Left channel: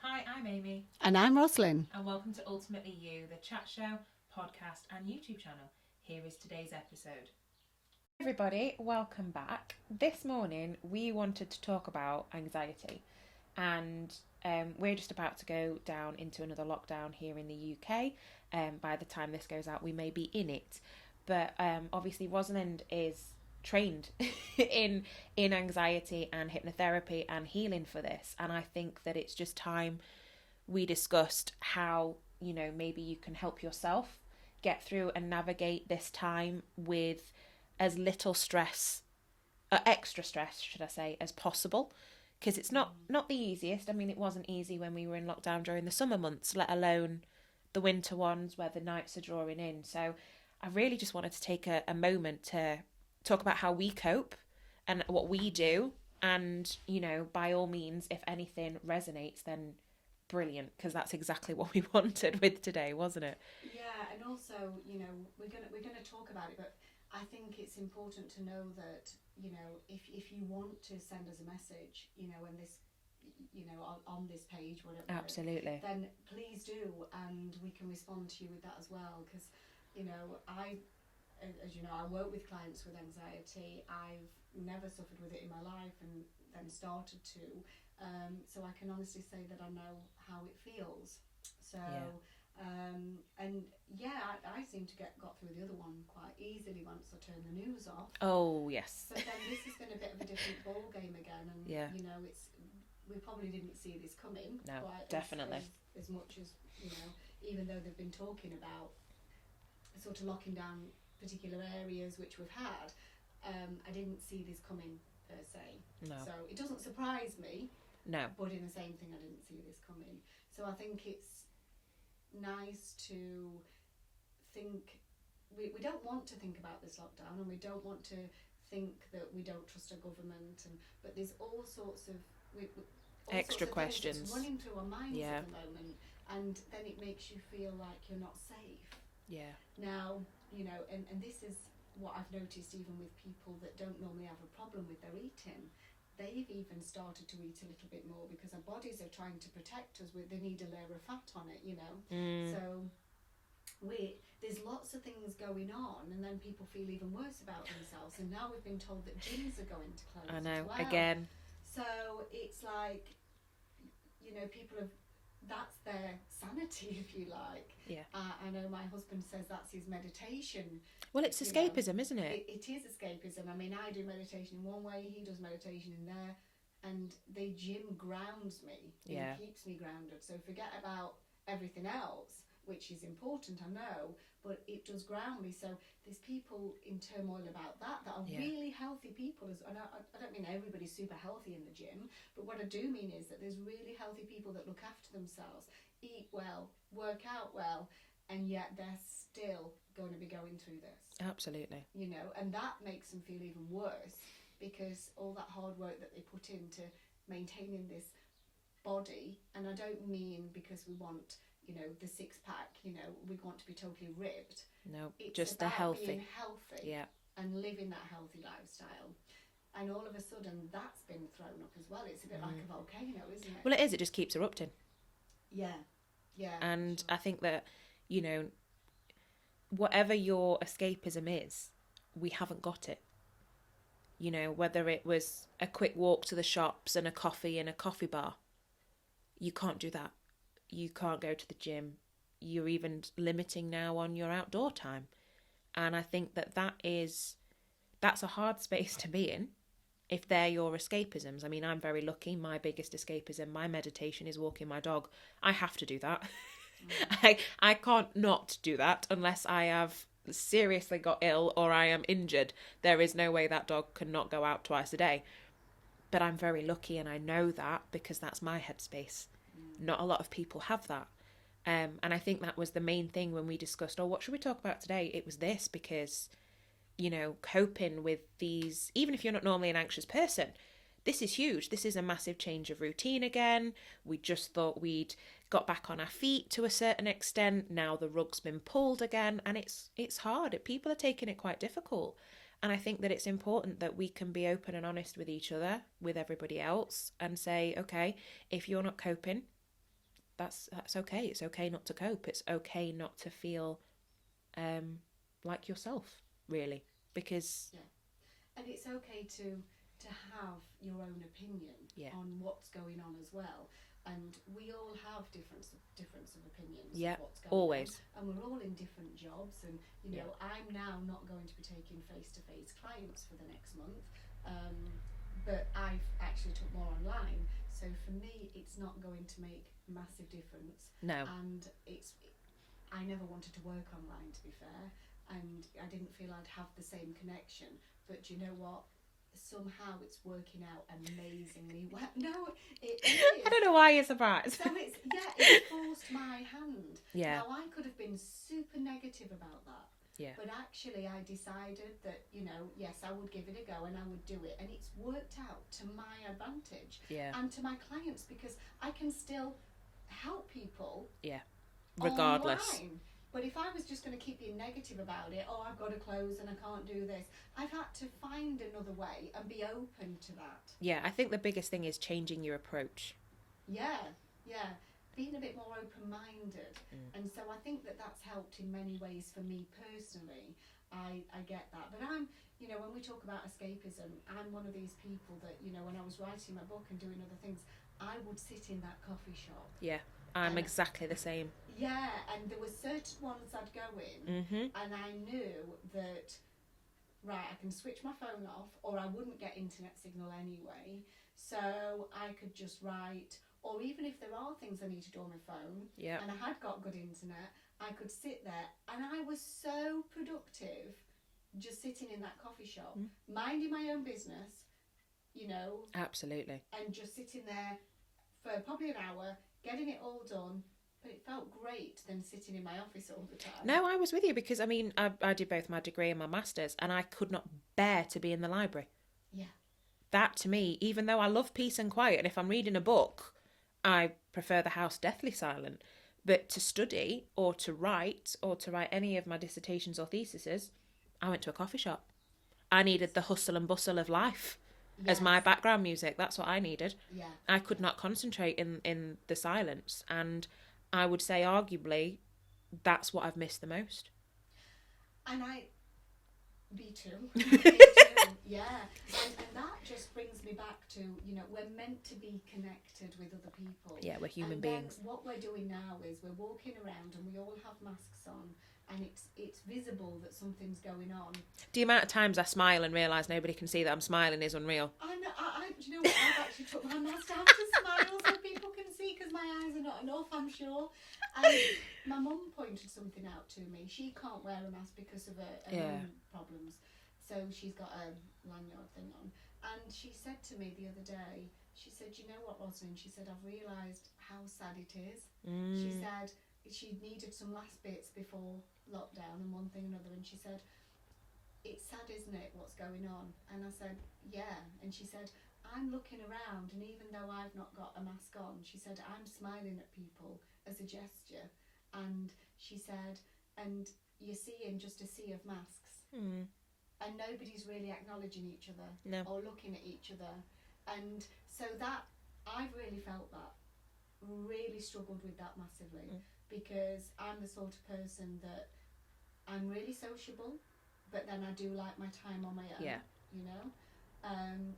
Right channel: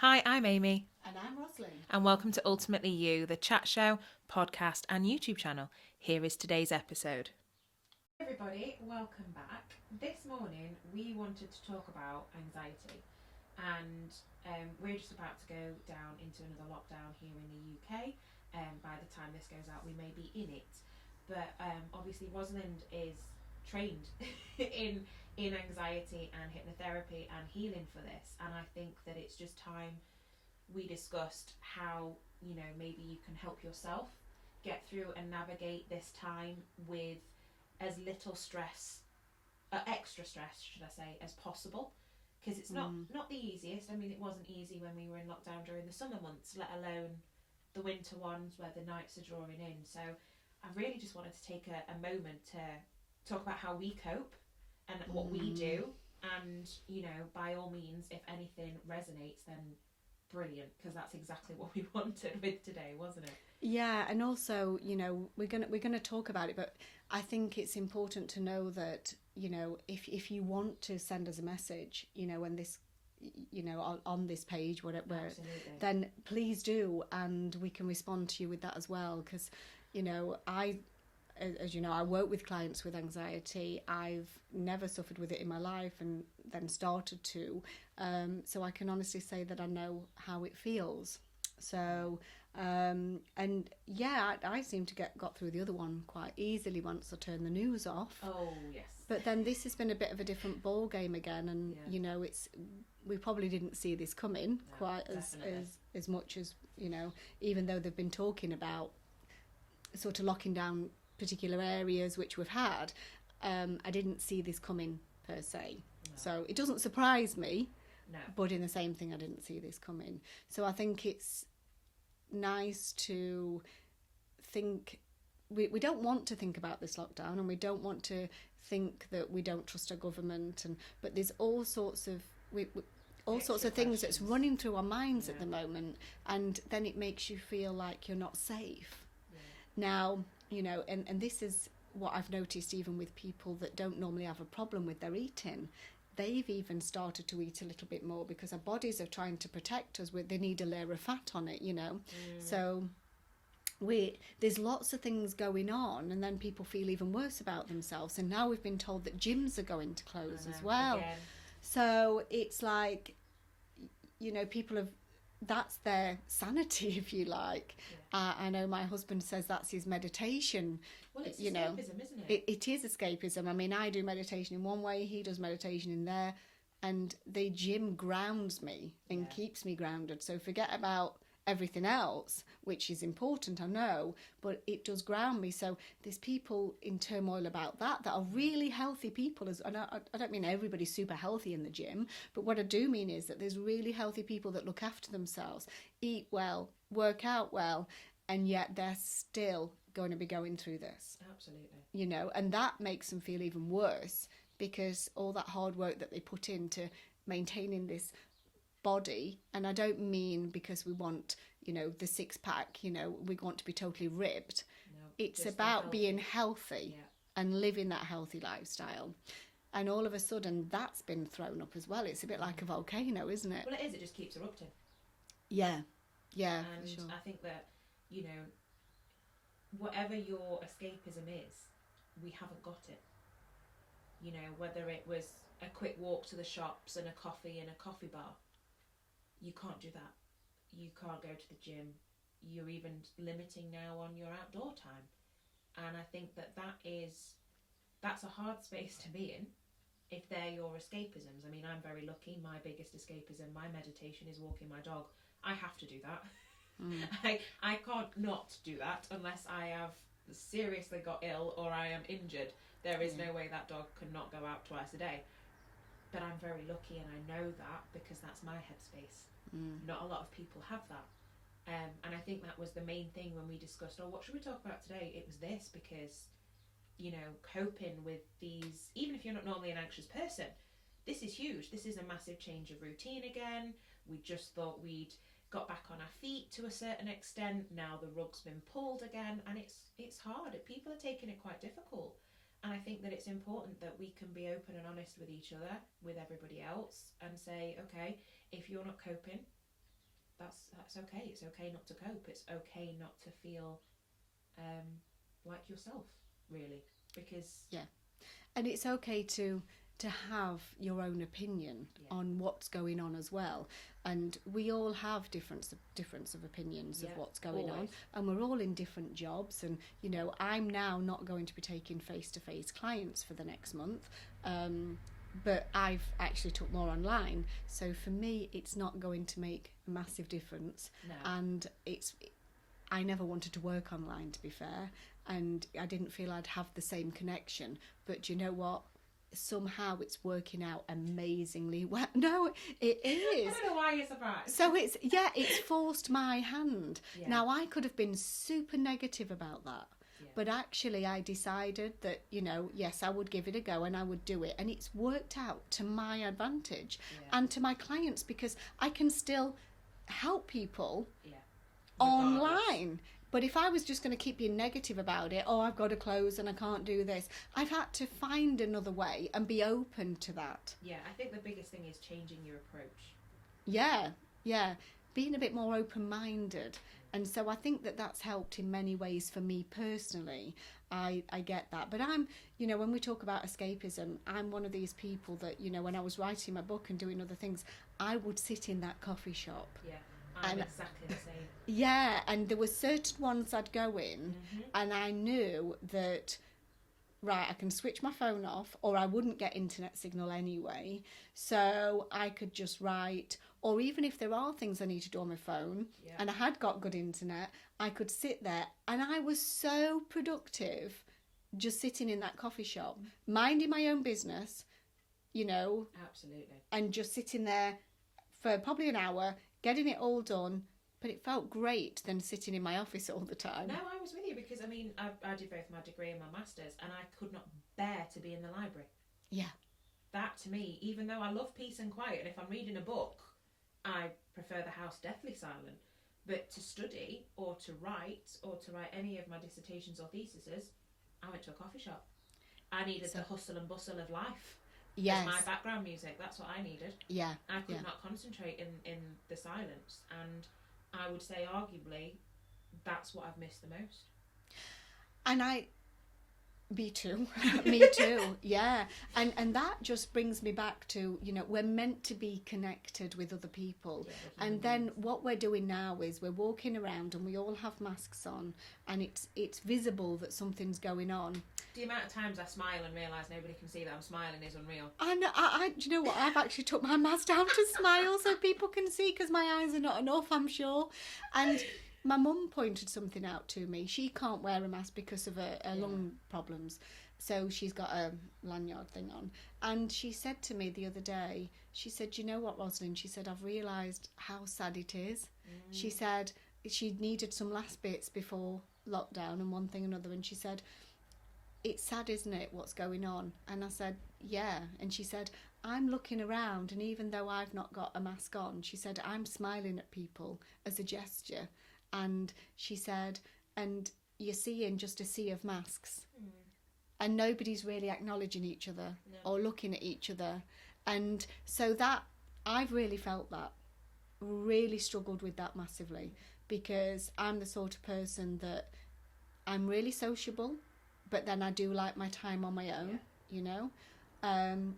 Hi, I'm Amy. And I'm Rosalind. And welcome to Ultimately You, the chat show, podcast, and YouTube channel. Here is today's episode. Hey everybody, welcome back. This morning we wanted to talk about anxiety, and we're just about to go down into another lockdown here in the UK. By the time this goes out, we may be in it, but obviously Rosalind is trained in anxiety and hypnotherapy and healing for this, and I think that it's just time we discussed how maybe you can help yourself get through and navigate this time with as little stress, extra stress should I say, as possible, because it's not the easiest. I mean, it wasn't easy when we were in lockdown during the summer months, let alone the winter ones where the nights are drawing in. So I really just wanted to take a moment to talk about how we cope and what we do, and by all means, if anything resonates, then brilliant, because that's exactly what we wanted with today, wasn't it? Yeah, and also, we're gonna talk about it, but I think it's important to know that, if you want to send us a message, when this, on this page, whatever, Absolutely. then please do, and we can respond to you with that as well, because, as you know, I work with clients with anxiety. I've never suffered with it in my life, and then started to. So I can honestly say that I know how it feels. So, I seem to got through the other one quite easily once I turned the news off. Oh, yes. But then this has been a bit of a different ball game again, and we probably didn't see this coming quite as much as even though they've been talking about sort of locking down particular areas which we've had. I didn't see this coming per se. No. So it doesn't surprise me. No. But in the same thing, I didn't see this coming. So I think it's nice to think. We don't want to think about this lockdown, and we don't want to think that we don't trust our government. But there's all sorts of things that's running through our minds at the moment, and then it makes you feel like you're not safe. Yeah. Now, and this is what I've noticed even with people that don't normally have a problem with their eating. They've even started to eat a little bit more because our bodies are trying to protect us. They need a layer of fat on it, So there's lots of things going on, and then people feel even worse about themselves. And now we've been told that gyms are going to close as well. Again. So it's like, people have, that's their sanity, if you like. Yeah. I know my husband says that's his meditation. Well, it's escapism, isn't it? It is escapism. I mean, I do meditation in one way, he does meditation in there, and the gym grounds me and keeps me grounded. So forget about everything else, which is important, I know, but it does ground me. So there's people in turmoil about that are really healthy people. And I don't mean everybody's super healthy in the gym, but what I do mean is that there's really healthy people that look after themselves, eat well, work out well, and yet they're still going to be going through this. Absolutely. And that makes them feel even worse, because all that hard work that they put into maintaining this body, and I don't mean because we want the six pack, we want to be totally ripped. No, it's just about being healthy and living that healthy lifestyle. And all of a sudden that's been thrown up as well. It's a bit like a volcano, isn't it? Well, it is. It just keeps erupting. Yeah. And sure. I think that whatever your escapism is, we haven't got it. Whether it was a quick walk to the shops and a coffee in a coffee bar, you can't do that. You can't go to the gym. You're even limiting now on your outdoor time. And I think that's a hard space to be in if they're your escapisms. I mean, I'm very lucky. My biggest escapism, my meditation, is walking my dog. I have to do that. I can't not do that unless I have seriously got ill or I am injured. There is no way that dog can not go out twice a day. But I'm very lucky, and I know that because that's my headspace. Not a lot of people have that. And I think that was the main thing when we discussed, what should we talk about today? It was this, because, coping with these, even if you're not normally an anxious person, this is huge. This is a massive change of routine again. We just thought we'd got back on our feet to a certain extent. Now the rug's been pulled again, and it's hard. People are taking it quite difficult. And I think that it's important that we can be open and honest with each other, with everybody else, and say, okay, if you're not coping, that's okay. It's okay not to cope. It's okay not to feel like yourself, really, because and it's okay to have your own opinion on what's going on as well. And we all have difference of opinions of what's going on, and we're all in different jobs. And I'm now not going to be taking face-to-face clients for the next month, but I've actually took more online, so for me it's not going to make a massive difference. No. And I never wanted to work online, to be fair, and I didn't feel I'd have the same connection. But you know what? Somehow it's working out amazingly well. No, it is. I don't know why you're surprised. So it's forced my hand. Yeah. Now, I could have been super negative about that. Yeah. But actually I decided that, yes, I would give it a go and I would do it. And it's worked out to my advantage and to my clients, because I can still help people regardless. Online. But if I was just going to keep being negative about it, I've got to close and I can't do this, I've had to find another way and be open to that. Yeah, I think the biggest thing is changing your approach. Yeah. Being a bit more open-minded. And so I think that that's helped in many ways for me personally. I get that. But I'm, when we talk about escapism, I'm one of these people that, when I was writing my book and doing other things, I would sit in that coffee shop. Yeah. I'm exactly the same. Yeah, and there were certain ones I'd go in, and I knew that, right, I can switch my phone off, or I wouldn't get internet signal anyway, so I could just write, or even if there are things I need to do on my phone, and I had got good internet, I could sit there, and I was so productive just sitting in that coffee shop, minding my own business, Absolutely. And just sitting there for probably an hour, getting it all done, but it felt great than sitting in my office all the time. No, I was with you, because I did both my degree and my master's, and I could not bear to be in the library. Yeah. That to me, even though I love peace and quiet, and if I'm reading a book, I prefer the house deathly silent. But to study or to write any of my dissertations or theses, I went to a coffee shop. I needed the hustle and bustle of life. Yes. As my background music. That's what I needed. Yeah. I could not concentrate in the silence, and I would say arguably that's what I've missed the most. And me too. Yeah. And that just brings me back to, we're meant to be connected with other people. Yeah, we're human beings. And then what we're doing now is we're walking around and we all have masks on, and it's visible that something's going on. The amount of times I smile and realise nobody can see that I'm smiling is unreal. I know. Do you know what? I've actually took my mask down to smile so people can see, because my eyes are not enough, I'm sure. And my mum pointed something out to me. She can't wear a mask because of her lung problems. So she's got a lanyard thing on. And she said to me the other day, she said, "You know what, Rosalind?" She said, "I've realised how sad it is." She said she needed some last bits before lockdown and one thing and another. And she said, "It's sad, isn't it, what's going on?" And I said, "Yeah." And she said, "I'm looking around, and even though I've not got a mask on," she said, "I'm smiling at people as a gesture." And she said, "And you're seeing just a sea of masks. And nobody's really acknowledging each other or looking at each other." And so that, I've really felt that, really struggled with that massively, because I'm the sort of person that I'm really sociable, but then I do like my time on my own,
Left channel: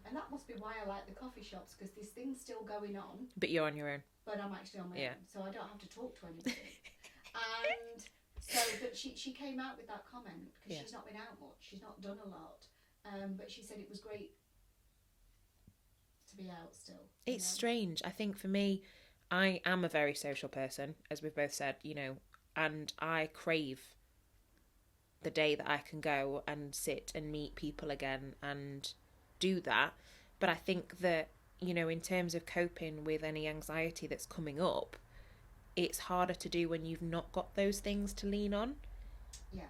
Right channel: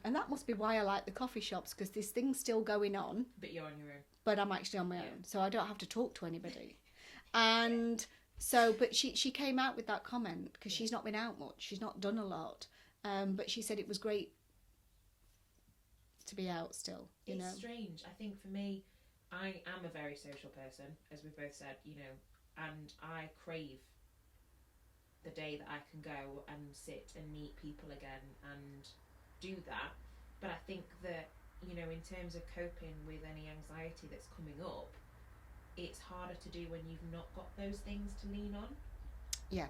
and that must be why I like the coffee shops, because this thing's still going on. But you're on your own. But I'm actually on my own, so I don't have to talk to anybody. And so, but she came out with that comment, because she's not been out much. She's not done a lot. But she said it was great to be out still. It's strange. I think for me, I am a very social person, as we've both said, and I crave the day that I can go and sit and meet people again and do that. But I think that, in terms of coping with any anxiety that's coming up, it's harder to do when you've not got those things to lean on. Yeah.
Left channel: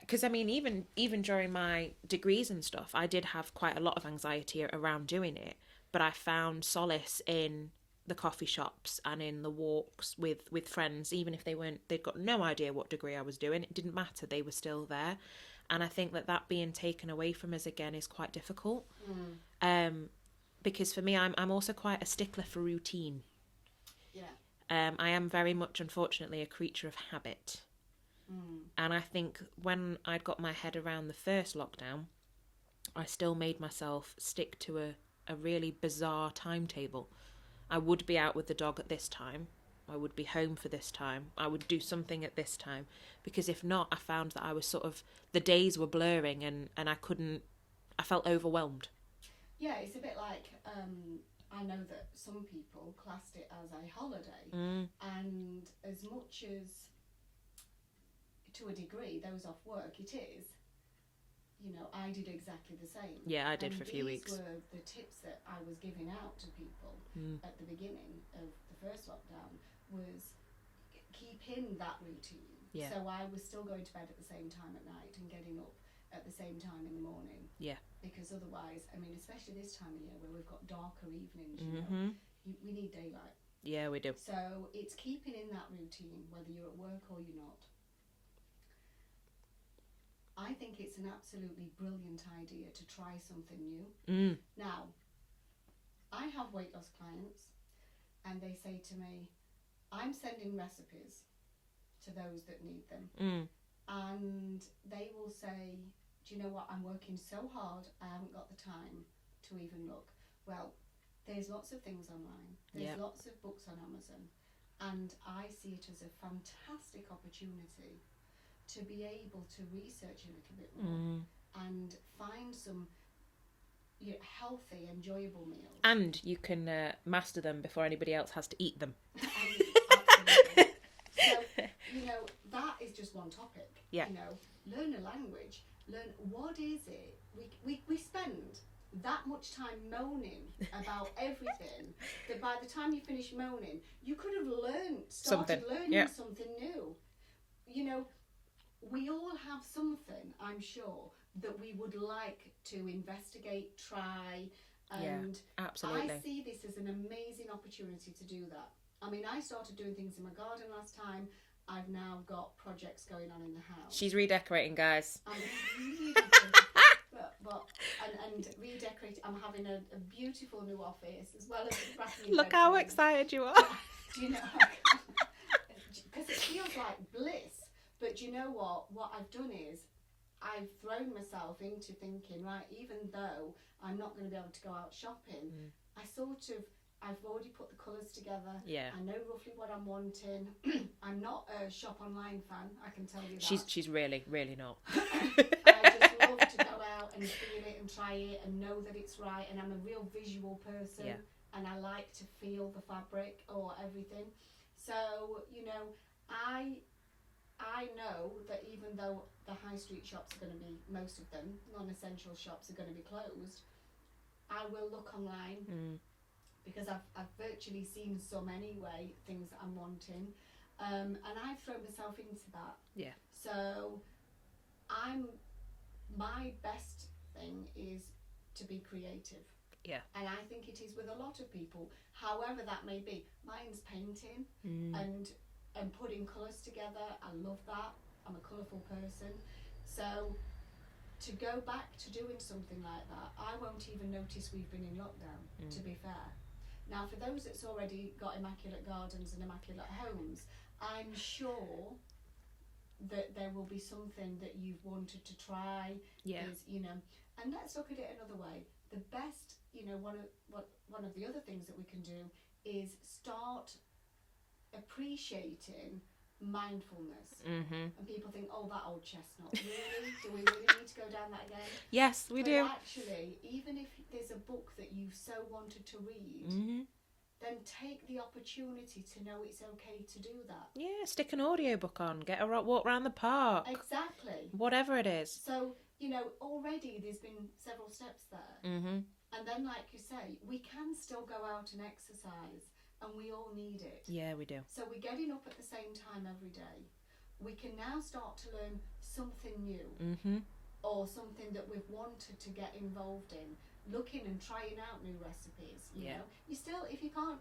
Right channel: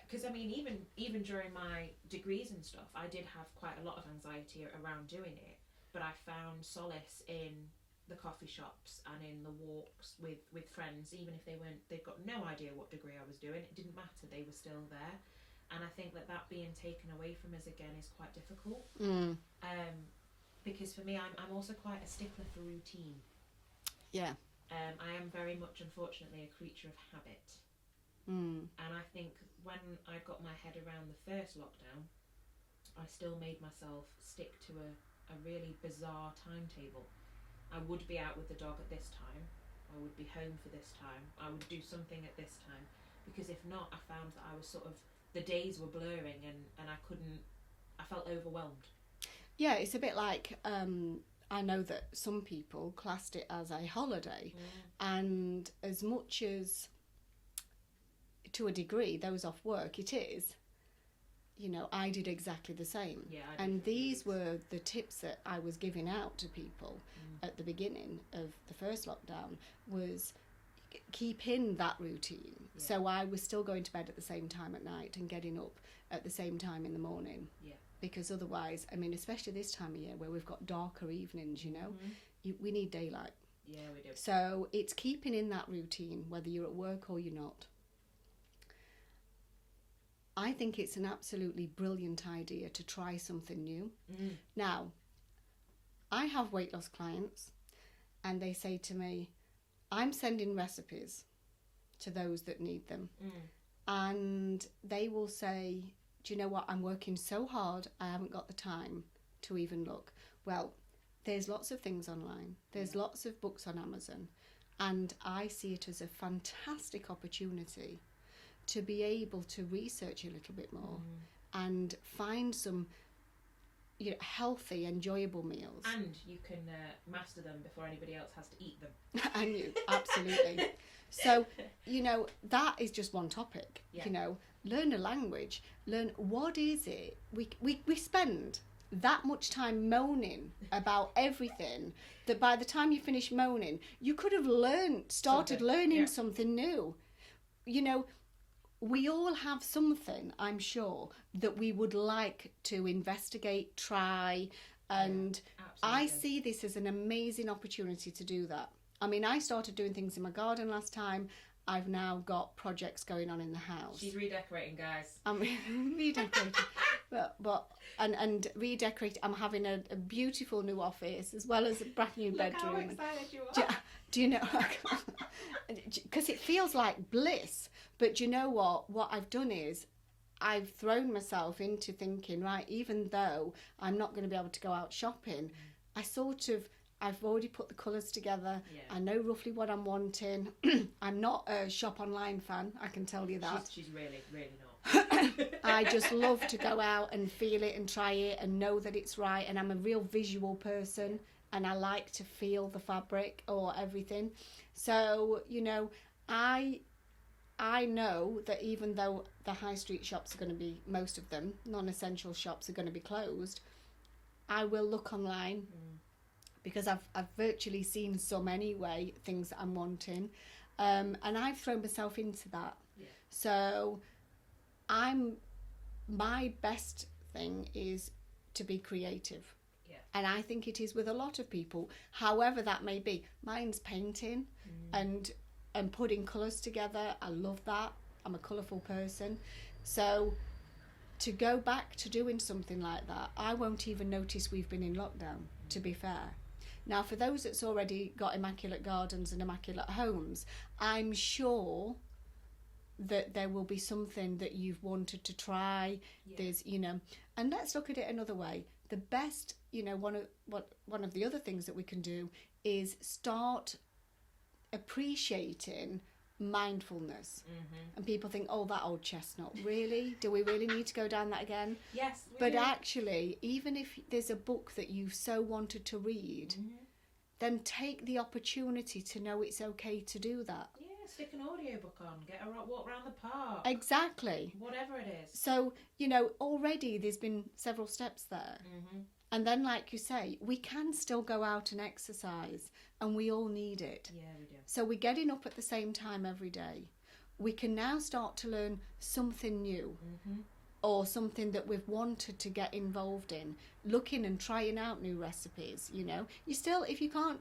Because even during my degrees and stuff, I did have quite a lot of anxiety around doing it, but I found solace in the coffee shops and in the walks with friends, even if they'd got no idea what degree I was doing. It didn't matter, they were still there. And I think that being taken away from us again is quite difficult. Because for me, I'm also quite a stickler for routine. Yeah. I am very much, unfortunately, a creature of habit. And I think when I'd got my head around the first lockdown, I still made myself stick to a really bizarre timetable. I would be out with the dog at this time. I would be home for this time. I would do something at this time. Because if not, I found that I was sort of, the days were blurring and I felt overwhelmed. Yeah, it's a bit like, I know that some people classed it as a holiday. And as much as, to a degree, those off work, it is. You know, I did exactly the same. Yeah, I did for a few weeks. And these were the tips that I was giving out to people at the beginning of the first lockdown, was keep in that routine. Yeah. So I was still going to bed at the same time at night and getting up at the same time in the morning. Yeah. Because otherwise, I mean, especially this time of year where we've got darker evenings, you know, we need daylight. Yeah, we do. So it's keeping in that routine, whether you're at work or you're not. I think it's an absolutely brilliant idea to try something new. Now, I have weight loss clients and they say to me, I'm sending recipes to those that need them. And they will say, do you know what, I'm working so hard, I haven't got the time to even look. Well, there's lots of things online. There's lots of books on Amazon. And I see it as a fantastic opportunity to be able to research a little bit more and find some, you know, healthy, enjoyable meals. And you can master them before anybody else has to eat them. Absolutely. So, you know, that is just one topic. Yeah. You know, learn a language. Learn what is it. We spend that much time moaning about everything that by the time you finish moaning, you could have started learning something new. You know, we all have something, I'm sure, that we would like to investigate, try, and I see this as an amazing opportunity to do that. I mean, I started doing things in my garden last time. I've now got projects going on in the house. She's redecorating, guys. I'm redecorating. and redecorating. I'm having a beautiful new office as well as a brand new bedroom. Look how excited you are. Do you know? Because it feels like bliss. But you know what? What I've done is I've thrown myself into thinking, right, even though I'm not going to be able to go out shopping, I've already put the colours together. Yeah. I know roughly what I'm wanting. I'm not a shop online fan, I can tell you that. She's really, really not. I just love to go out and feel it and try it and know that it's right. And I'm a real visual person and I like to feel the fabric or everything. So, you know, I know that even though the high street shops are going to be, most of them, non-essential shops are going to be closed, I will look online because I've virtually seen some anyway, things that I'm wanting. And I've thrown myself into that. Yeah. So my best thing is to be creative. Yeah. And I think it is with a lot of people, however that may be. Mine's painting and putting colours together. I love that. I'm a colourful person. So to go back to doing something like that, I won't even notice we've been in lockdown, to be fair. Now, for those that's already got immaculate gardens and immaculate homes, I'm sure that there will be something that you've wanted to try. Yeah. There's, you know, and let's look at it another way. The best, you know, one of the other things that we can do is start appreciating mindfulness. And people think, oh, that old chestnut, really? Do we really need to go down that again? Yes, we do. But actually, even if there's a book that you so wanted to read, then take the opportunity to know it's okay to do that. Yeah, stick an audiobook on, get a walk around the park. Exactly. Whatever it is. So, you know, already there's been several steps there. And then, like you say, we can still go out and exercise, and we all need it. Yeah, we do. So we're getting up at the same time every day. We can now start to learn something new, or something that we've wanted to get involved in, looking and trying out new recipes. You know, you still, if you can't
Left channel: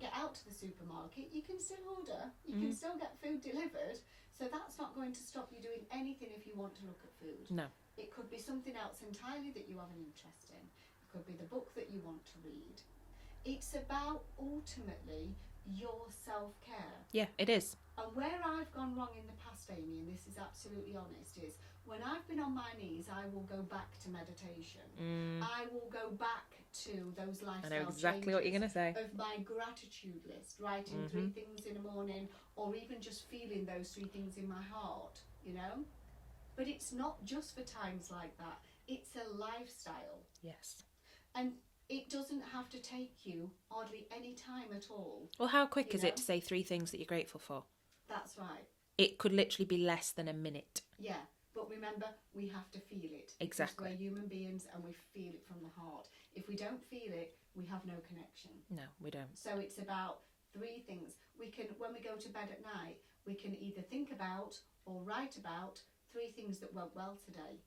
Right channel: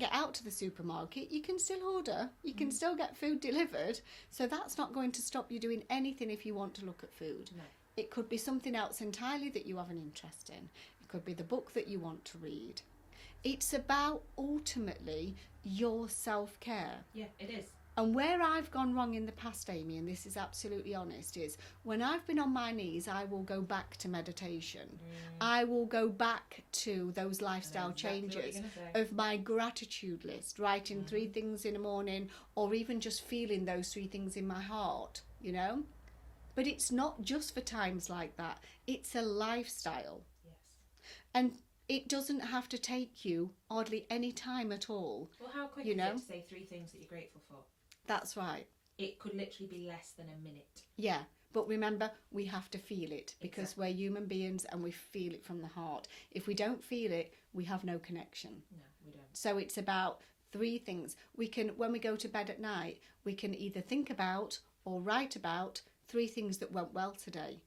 get out to the supermarket, you can still order. You can still get food delivered. So that's not going to stop you doing anything if you want to look at food. No. It could be something else entirely that you have an interest in. It could be the book that you want to read. It's about ultimately your self-care. Yeah, it is. And where I've gone wrong in the past, Amy, and this is absolutely honest, is when I've been on my knees, I will go back to meditation. I will go back to those lifestyle changes what you're going to say. of my gratitude list, writing 3 things in the morning, or even just feeling those 3 things in my heart, you know? But it's not just for times like that. It's a lifestyle. Yes. And it doesn't have to take you hardly any time at all. Well, how quick is it to say 3 things that you're grateful for? That's right. It could literally be less than a minute. Yeah, but remember, we have to feel it. Because Exactly. we're human beings and we feel it from the heart. If we don't feel it, we have no connection. No, we don't. So it's about 3 things. We can, when we go to bed at night, we can either think about or write about 3 things that went well today.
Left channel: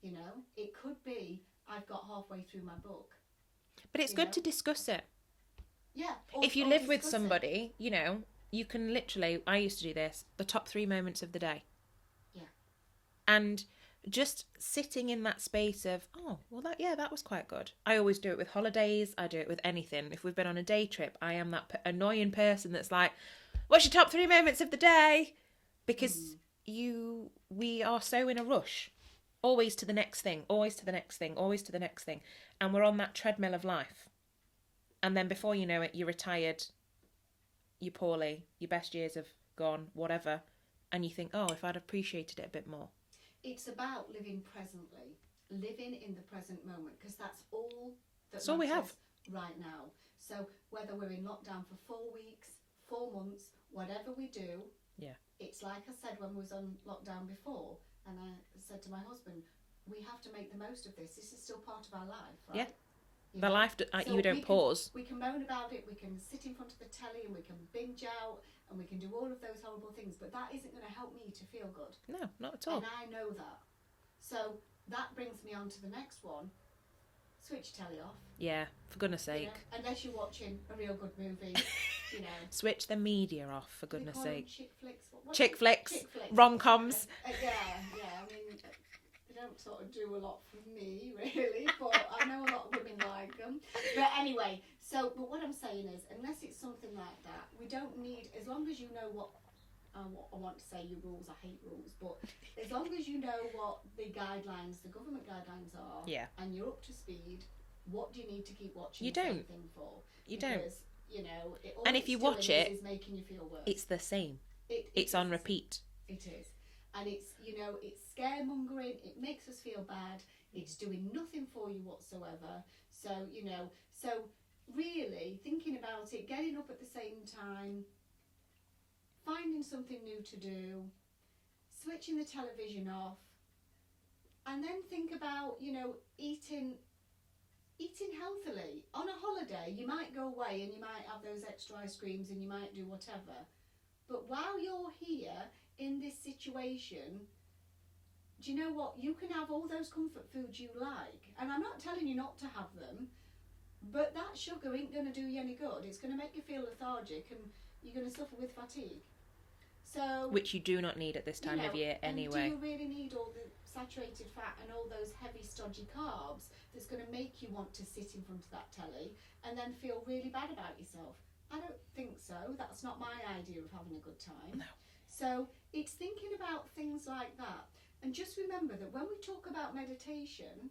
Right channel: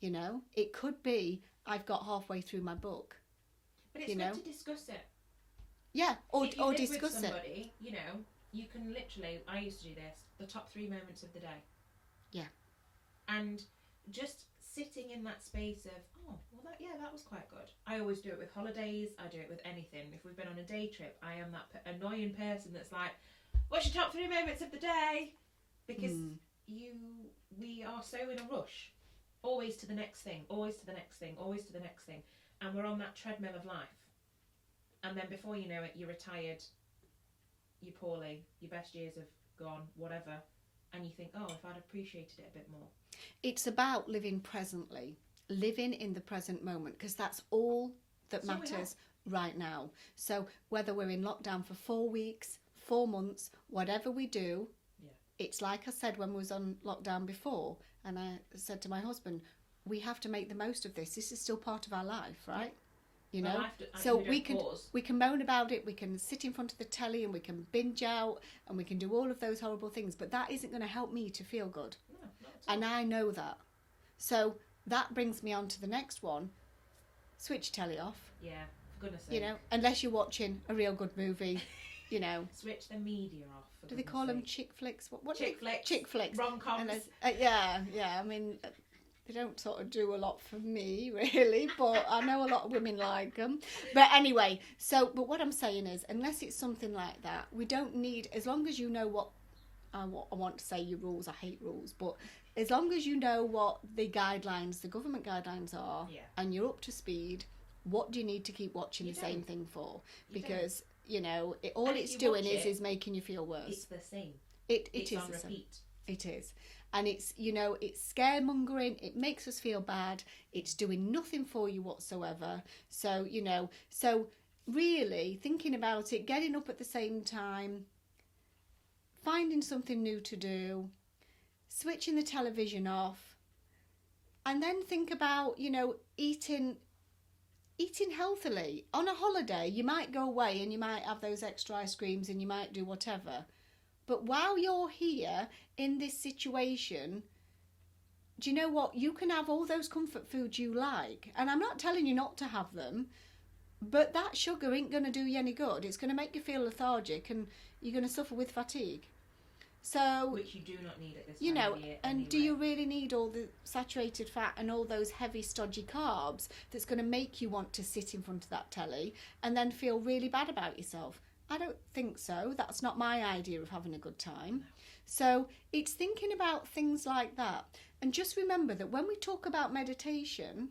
You know, it could be I've got halfway through my book. But it's good to discuss it. Yeah. If you live with somebody, you know, you can literally, I used to do this, the top 3 moments of the day. Yeah. And just sitting in that space of, oh, well, that was quite good. I always do it with holidays. I do it with anything. If we've been on a day trip, I am that annoying person that's like, what's your top 3 moments of the day? Because we are so in a rush. Always to the next thing, always to the next thing, always to the next thing. And we're on that treadmill of life. And then before you know it, you're retired, you're poorly, your best years have gone, whatever. And you think, oh, if I'd appreciated it a bit more. It's about living presently, living in the present moment, because that's all that matters right now. So whether we're in lockdown for 4 weeks, 4 months, whatever we do, it's like I said when we was on lockdown before, and I said to my husband, we have to make the most of this. This is still part of our life, right? Yeah. You The know? life, you don't pause. We can moan about it, we can sit in front of the telly and we can binge out and we can do all of those horrible things, but that isn't going to help me to feel good. No, not at all. And I know that. So that brings me on to the next one. Switch telly off. Yeah, for goodness sake. You know, unless you're watching a real good movie, you know. Switch the media off, for goodness sake. They call them chick flicks. What chick flicks. Chick flicks. Rom-coms. Yeah. I mean, they don't sort of do a lot for me, really, but I know a lot of women like them. But anyway, but what I'm saying is, unless it's something like that, we don't need, as long as you know what I want to say your rules, I hate rules, but as long as you know what the guidelines, the government guidelines are, and you're up to speed, what do you need to keep watching the same thing for? Because, you know, all it's doing is making you feel worse. It's the same. It's on repeat. It is. And it's, you know, it's scaremongering. It makes us feel bad. It's doing nothing for you whatsoever. So, you know, really thinking about it, getting up at the same time, finding something new to do, switching the television off, and then think about, you know, eating healthily. On a holiday, you might go away and you might have those extra ice creams and you might do whatever. But while you're here in this situation, do you know what? You can have all those comfort foods you like. And I'm not telling you not to have them, but that sugar ain't going to do you any good. It's going to make you feel lethargic and you're going to suffer with fatigue. So, which you do not need at this time of year anyway. And do you really need all the saturated fat and all those heavy, stodgy carbs that's going to make you want to sit in front of that telly and then feel really bad about yourself? I don't think so. That's not my idea of having a good time. No. So it's thinking about things like that. And just remember that when we talk about meditation,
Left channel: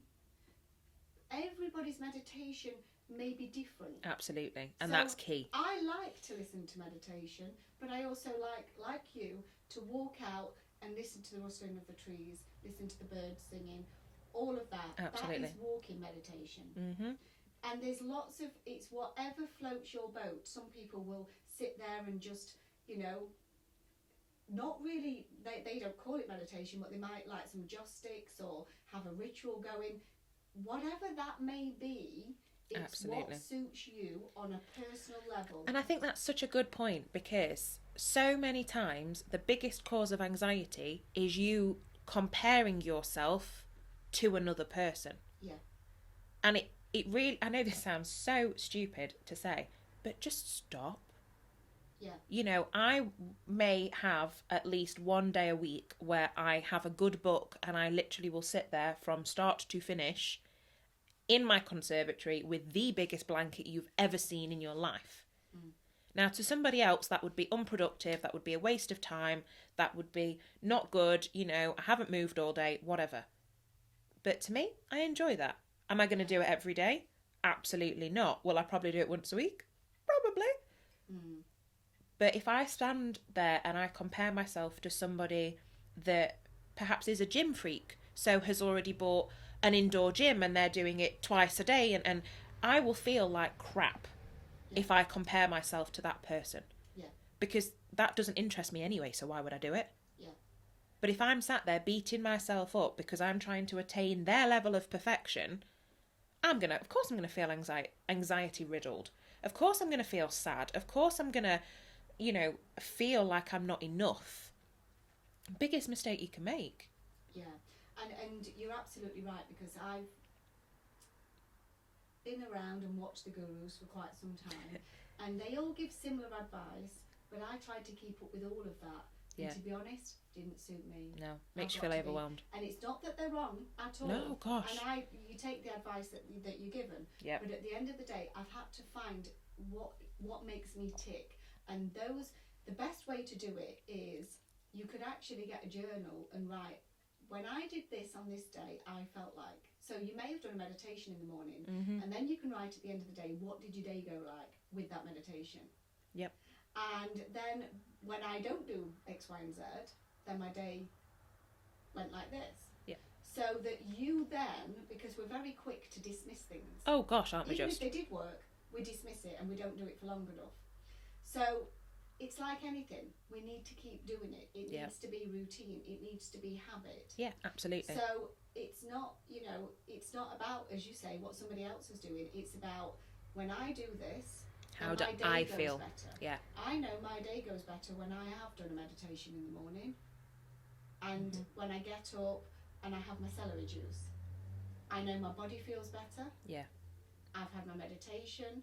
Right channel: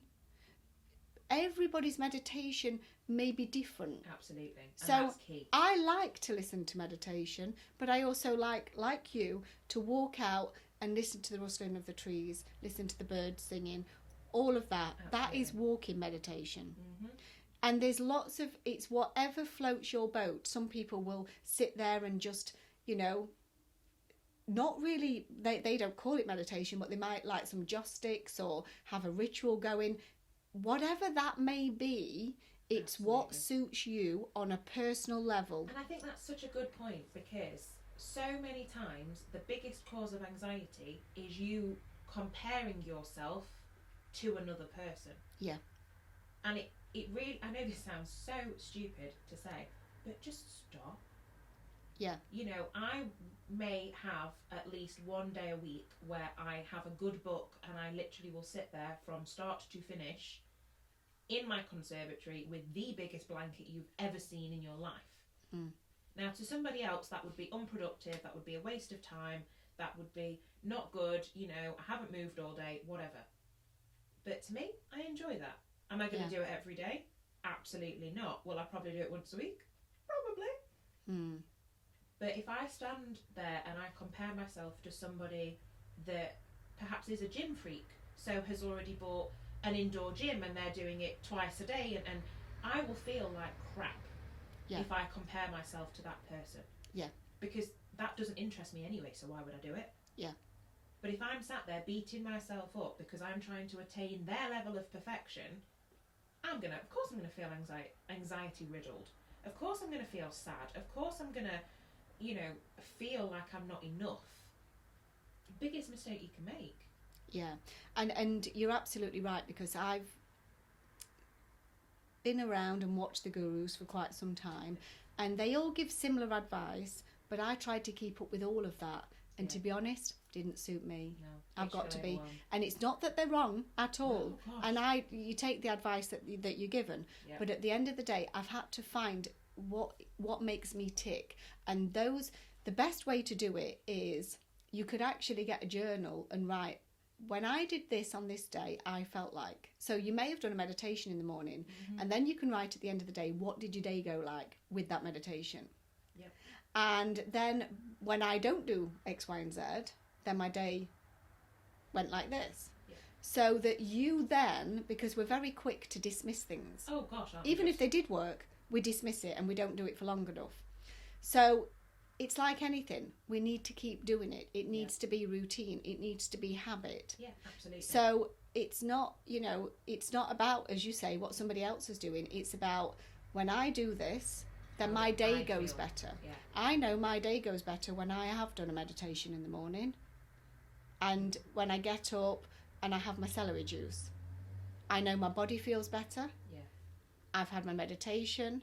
everybody's meditation may be different. Absolutely. And that's key. I like to listen to meditation, but I also like you, to walk out and listen to the rustling of the trees, listen to the birds singing, all of that. Absolutely. That is walking meditation. Mm-hmm. And there's lots of, it's whatever floats your boat. Some people will sit there and just, you know, not really, they don't call it meditation, but they might like some joss sticks or have a ritual going. Whatever that may be, it's Absolutely. what suits you on a personal level. And I think that's such a good point, because so many times the biggest cause of anxiety is you comparing yourself to another person. Yeah. And it really, I know this sounds so stupid to say, but just stop. Yeah. You know, I may have at least one day a week where I have a good book and I literally will sit there from start to finish in my conservatory with the biggest blanket you've ever seen in your life. Now, to somebody else, that would be unproductive, that would be a waste of time, that would be not good, you know, I haven't moved all day, whatever. But to me, I enjoy that. Am I going to do it every day? Absolutely not. Will I probably do it once a week? Probably. But if I stand there and I compare myself to somebody that perhaps is a gym freak, so has already bought an indoor gym and they're doing it twice a day, and I will feel like crap if I compare myself to that person. Yeah. Because that doesn't interest me anyway, so why would I do it? Yeah. But if I'm sat there beating myself up because I'm trying to attain their level of perfection, of course I'm gonna feel anxiety riddled. Of course I'm gonna feel sad. Of course I'm gonna, you know, feel like I'm not enough. Biggest mistake you can make. Yeah. And you're absolutely right, because I've been around and watched the gurus for quite some time, and they all give similar advice, but I tried to keep up with all of that, and to be honest, didn't suit me. No, makes you feel overwhelmed. And it's not that they're wrong at all. No, gosh. And you take the advice that you're given, but at the end of the day, I've had to find what makes me tick, and the best way to do it is you could actually get a journal and write, when I did this on this day, I felt like. So you may have done a meditation in the morning, and then you can write at the end of the day, what did your day go like with that meditation? Yep. And then when I don't do X, Y, and Z, then my day went like this. Yeah. So that you then, because we're very quick to dismiss things. Oh gosh, aren't we? Even if they did work, we dismiss it and we don't do it for long enough. So it's like anything. We need to keep doing it. It needs to be routine. It needs to be habit. Yeah, absolutely. So it's not, it's not about, as you say, what somebody else is doing. It's about, when I do this, then my day goes better. Yeah. I know my day goes better when I have done a meditation in the morning, and when I get up and I have my celery juice. I know my body feels better. Yeah. I've had my meditation,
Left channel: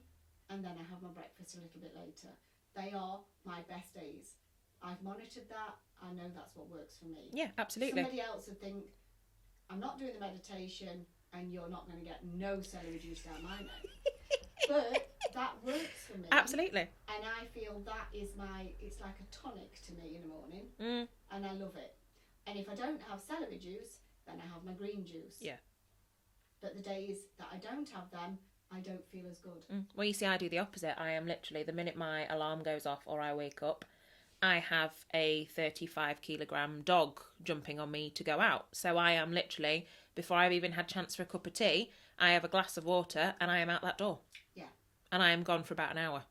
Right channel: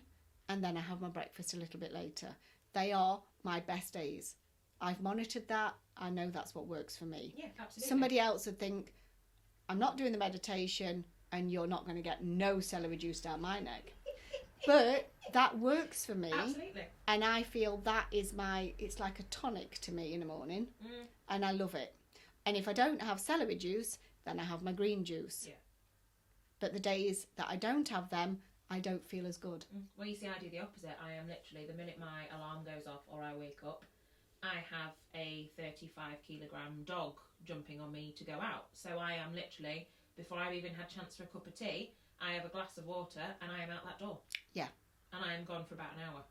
and then I have my breakfast a little bit later. They are my best days. I've monitored that. I know that's what works for me. Yeah, absolutely. Somebody else would think, I'm not doing the meditation and you're not going to get no celery juice down my neck. But that works for me. Absolutely. And I feel that is it's like a tonic to me in the morning. And I love it. And if I don't have celery juice, then I have my green juice. Yeah. But the days that I don't have them, I don't feel as good. Well, you see, I do the opposite. I am literally, the minute my alarm goes off or I wake up, I have a 35-kilogram dog jumping on me to go out. So I am literally, before I've even had a chance for a cup of tea, I have a glass of water and I am out that door. Yeah. And I am gone for about an hour.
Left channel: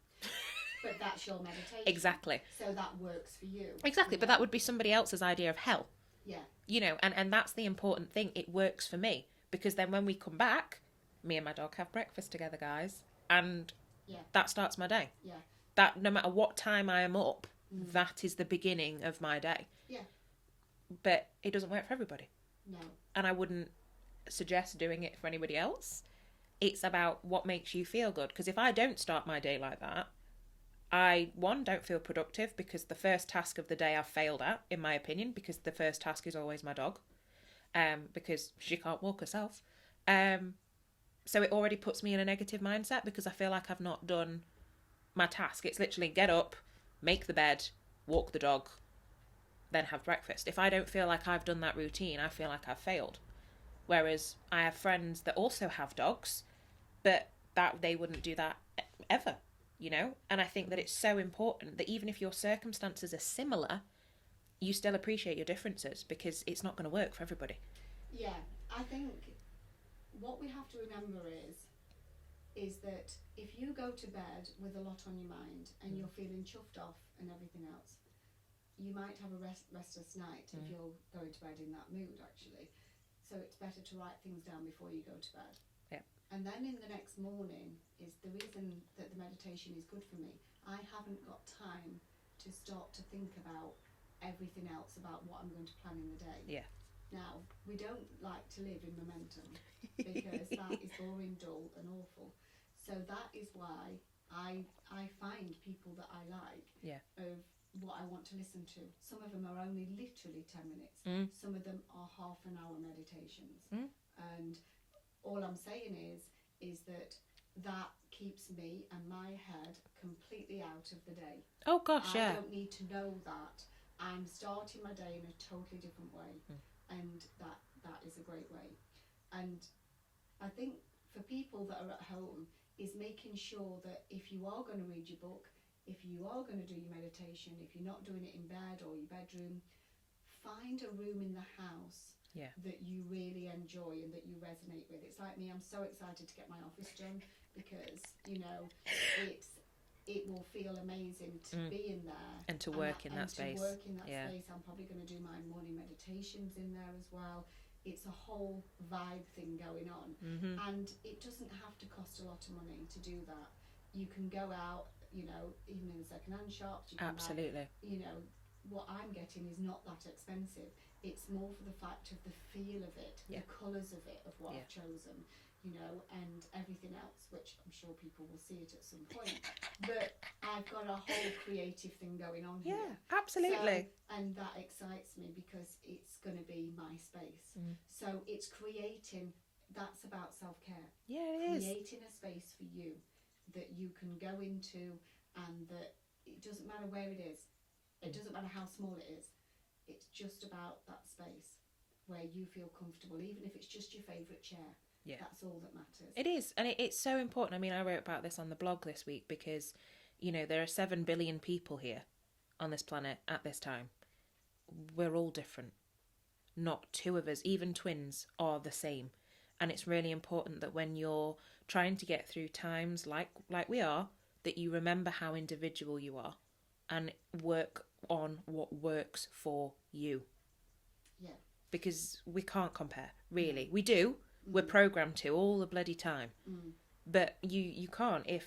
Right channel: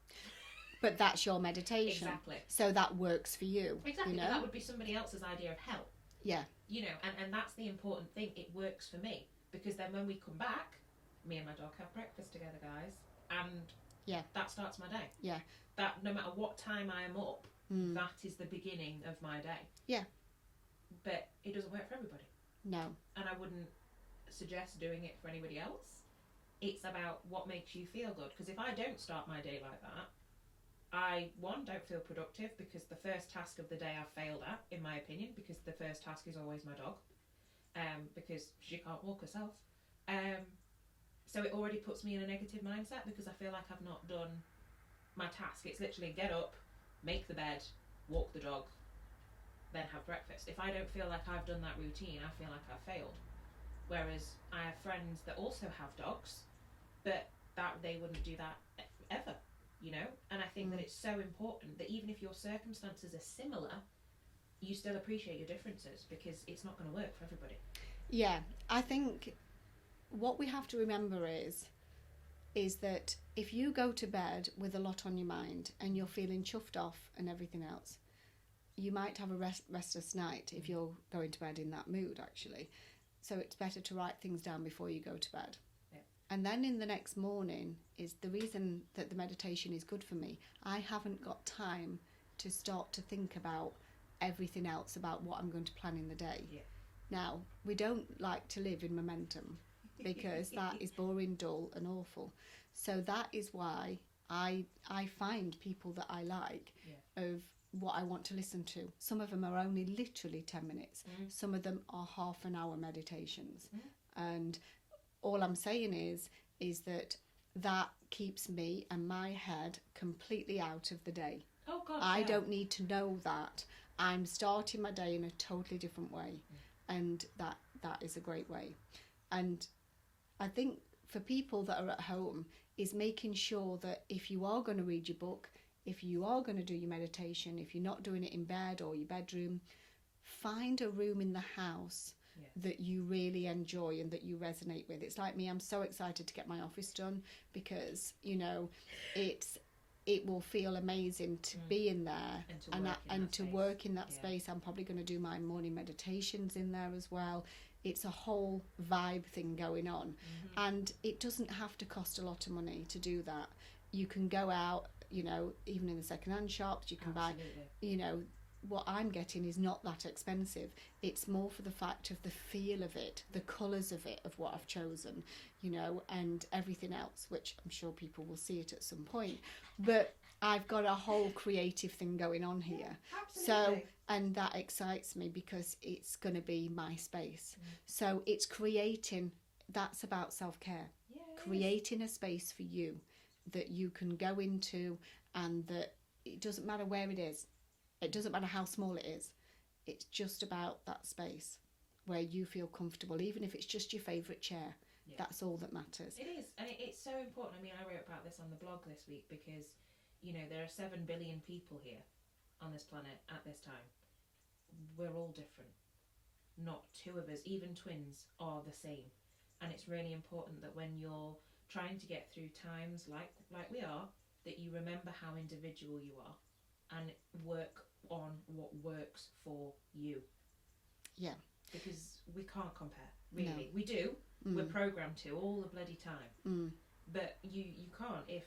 But that's your meditation. Exactly. So that works for you. Exactly, but that would be somebody else's idea of hell. Yeah. You know, and that's the important thing. It works for me. Because then when we come back, me and my dog have breakfast together, guys. And that starts my day. Yeah. That no matter what time I am up, that is the beginning of my day. Yeah. But it doesn't work for everybody. No. And I wouldn't suggest doing it for anybody else. It's about what makes you feel good. Because if I don't start my day like that, I, don't feel productive, because the first task of the day I've failed at, in my opinion, because the first task is always my dog. Because she can't walk herself. So it already puts me in a negative mindset, because I feel like I've not done my task. It's literally get up, make the bed, walk the dog, then have breakfast. If I don't feel like I've done that routine, I feel like I've failed. Whereas I have friends that also have dogs, but that they wouldn't do that ever, you know? And I think that it's so important that even if your circumstances are similar, you still appreciate your differences, because it's not going to work for everybody. Yeah, I think what we have to remember is that if you go to bed with a lot on your mind and you're feeling chuffed off and everything else, you might have a restless night if you're going to bed in that mood, actually. So it's better to write things down before you go to bed. Yeah. And then in the next morning is the reason that the meditation is good for me. I haven't got time to start to think about everything else about what I'm going to plan in the day. Yeah. Now, we don't like to live in momentum, because that is boring, dull and awful. So that is why I find people that I like of what I want to listen to. Some of them are only literally 10 minutes. Some of them are half an hour meditations. And all I'm saying is that keeps me and my head completely out of the day. Oh gosh, I don't need to know that. I'm starting my day in a totally different way, and that is a great way. And I think for people that are at home is making sure that if you are going to read your book, if you are going to do your meditation, if you're not doing it in bed or your bedroom, find a room in the house that you really enjoy and that you resonate with. It's like me, I'm so excited to get my office done because, you know, it will feel amazing to be in there and to work in that space. Work in that space. I'm probably going to do my morning meditations in there as well. It's a whole vibe thing going on, and it doesn't have to cost a lot of money to do that. You can go out, you know, even in the second-hand shops. You can buy, you know, what I'm getting is not that expensive. It's more for the fact of the feel of it, the colours of it, of what I've chosen, you know, and everything else, which I'm sure people will see it at some point. But I've got a whole creative thing going on here. Absolutely. So, and that excites me because it's going to be my space. So it's creating, that's about self-care. Creating a space for you that you can go into, and that it doesn't matter where it is. It doesn't matter how small it is. It's just about that space where you feel comfortable, even if it's just your favourite chair. That's all that matters. It is, and it's so important. I mean, I wrote about this on the blog this week because, you know, there are 7 billion people here on this planet at this time. We're all different. Not two of us, even twins, are the same. And it's really important that when you're trying to get through times like we are, that you remember how individual you are and work on what works for you. Yeah. Because we can't compare, really. We do. We're programmed to all the bloody time. But you can't. If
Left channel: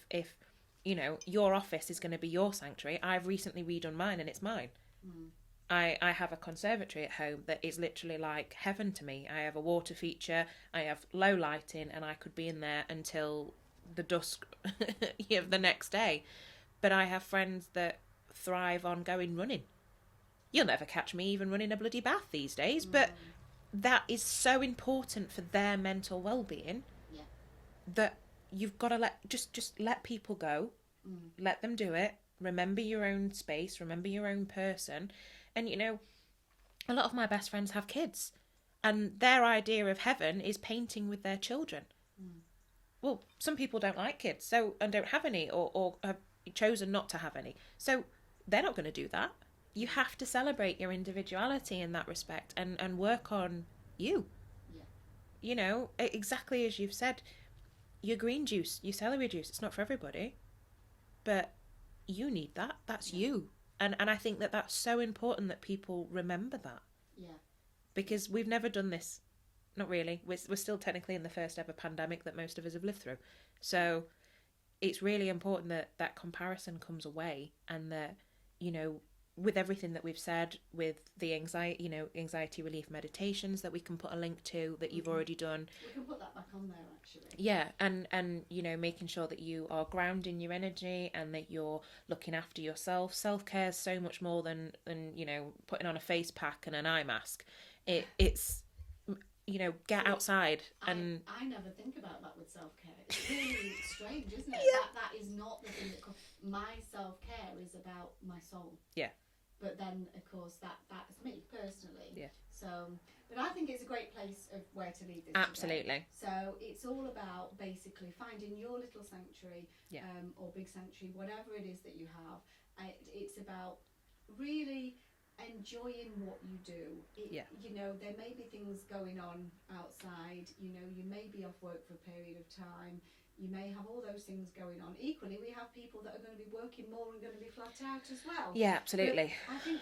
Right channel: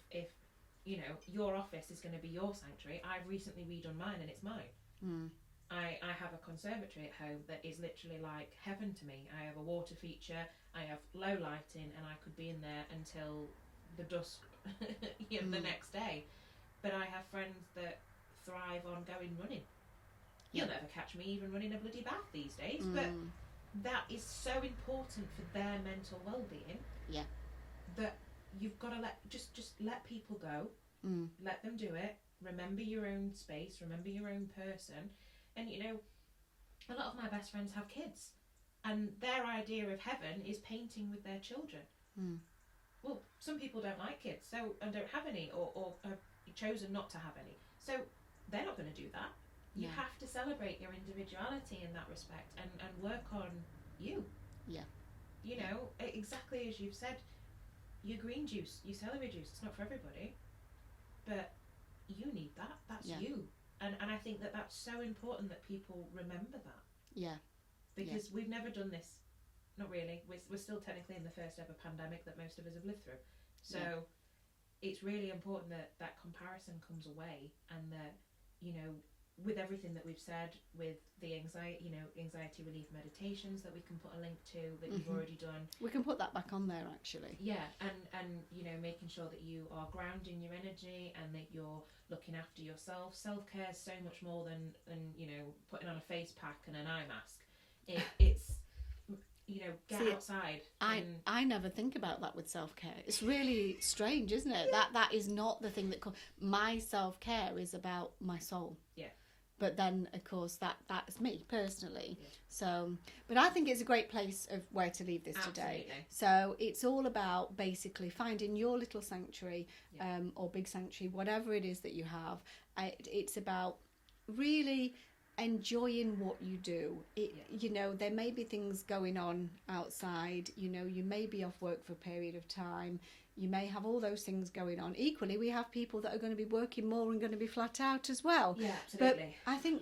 you know, your office is going to be your sanctuary. I've recently redone mine and it's mine. I have a conservatory at home that is literally like heaven to me. I have a water feature, I have low lighting, and I could be in there until the dusk of the next day. But I have friends that thrive on going running. You'll never catch me even running a bloody bath these days, but that is so important for their mental well-being. That you've got to just let people go. Let them do it. Remember your own space, remember your own person. And you know, a lot of my best friends have kids, and their idea of heaven is painting with their children. Well, some people don't like kids, and don't have any, or have chosen not to have any, so they're not going to do that. You have to celebrate your individuality in that respect, and work on you. You know, exactly as you've said, your green juice, your celery juice, it's not for everybody, but you need that. That's you. And I think that that's so important that people remember that. Because we've never done this. Not really. We're still technically in the first ever pandemic that most of us have lived through. So it's really important that that comparison comes away, and that, you know, with everything that we've said, with the anxiety relief meditations that we can put a link to that you've already done. We can put that back on there, actually. Yeah, and you know, making sure that you are grounding your energy and that you're looking after yourself. Self-care is so much more than you know, putting on a face pack and an eye mask. It's you know, get outside. And I never think about that with self-care. It's really strange, isn't it? That is not the thing that my self-care is about my soul. But then, of course, that's me personally. So, but I think it's a great place of where to leave this today. So it's all about basically finding your little sanctuary, or big sanctuary, whatever it is that you have. It's about really enjoying what you do. You know, there may be things going on outside. You know, you may be off work for a period of time. You may have all those things going on. Equally, we have people that are going to be working more and going to be flat out as well. Yeah, absolutely. But I think